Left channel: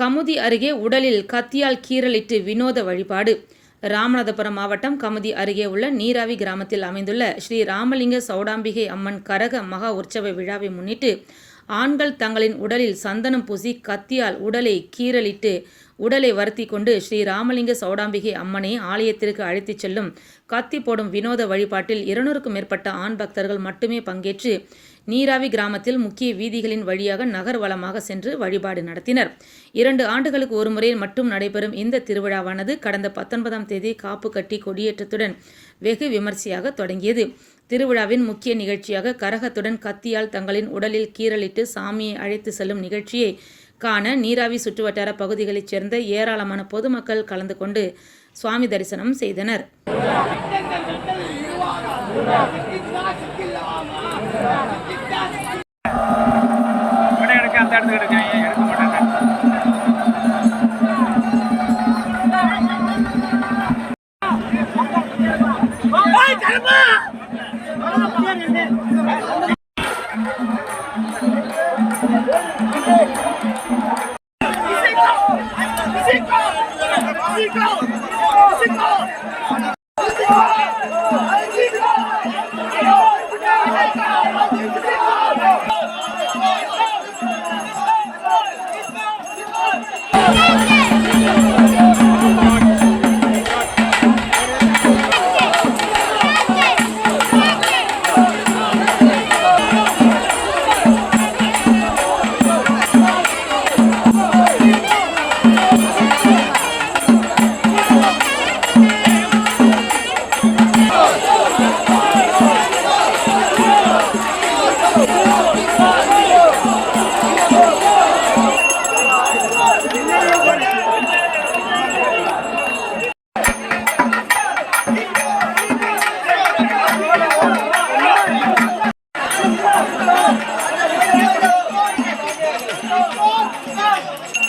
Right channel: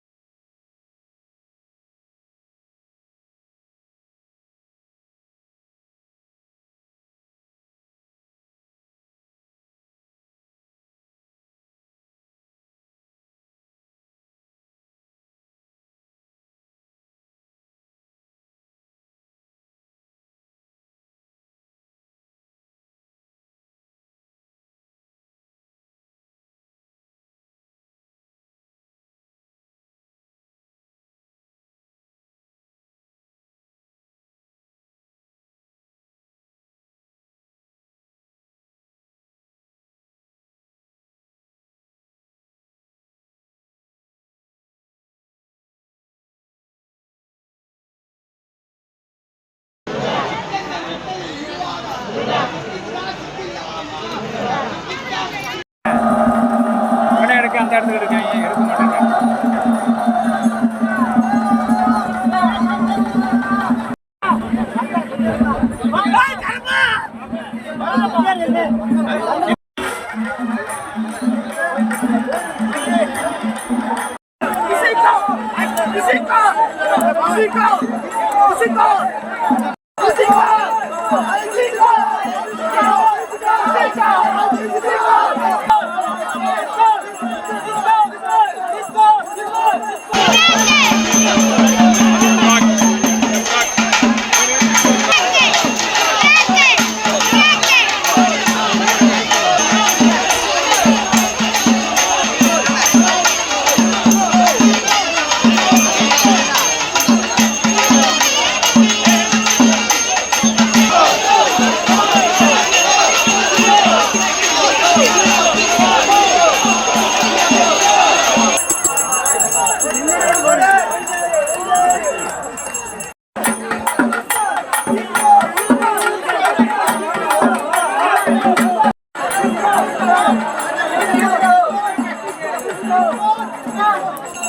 கமுதி அருகே உடலில் கத்தியால் கீறலிட்டு வினோத வழிபாடு. ராமநாதபுரம் மாவட்டம் கமுதி அருகே உள்ள நீராவி கிராமத்தில் அமைந்துள்ள ஸ்ரீ ராமலிங்க சௌடாம்பிகை அம்மன் கரக மகா உற்சவ விழாவை முன்னிட்டு ஆண்கள் தங்களின் உடலில் சந்தனம் பூசி கத்தியால் உடலை கீறலிட்டு உடலை வருத்தி கொண்டு ஸ்ரீ ராமலிங்க சௌடாம்பிகை அம்மனை ஆலயத்திற்கு அழைத்துச் செல்லும் கத்தி போடும் வினோத வழிபாட்டில் இருநூறுக்கும் மேற்பட்ட ஆண் பக்தர்கள் மட்டுமே பங்கேற்று நீராவி கிராமத்தில் முக்கிய வீதிகளின் வழியாக நகர்வலமாக சென்று வழிபாடு நடத்தினர். இரண்டு ஆண்டுகளுக்கு ஒருமுறை மட்டும் நடைபெறும் இந்த திருவிழாவானது கடந்த பத்தொன்பதாம் தேதி காப்பு கட்டி கொடியேற்றத்துடன் வெகு விமர்சையாக தொடங்கியது. திருவிழாவின் முக்கிய நிகழ்ச்சியாக கரகத்துடன் கத்தியால் தங்களின் உடலில் கீறலிட்டு சாமியை அழைத்து செல்லும் நிகழ்ச்சியை காண நீராவி சுற்றுவட்டார பகுதிகளைச் சேர்ந்த ஏராளமான பொதுமக்கள் கலந்து கொண்டு சுவாமி தரிசனம் செய்தனர். Musical! Musical! Musical! Musical! やった!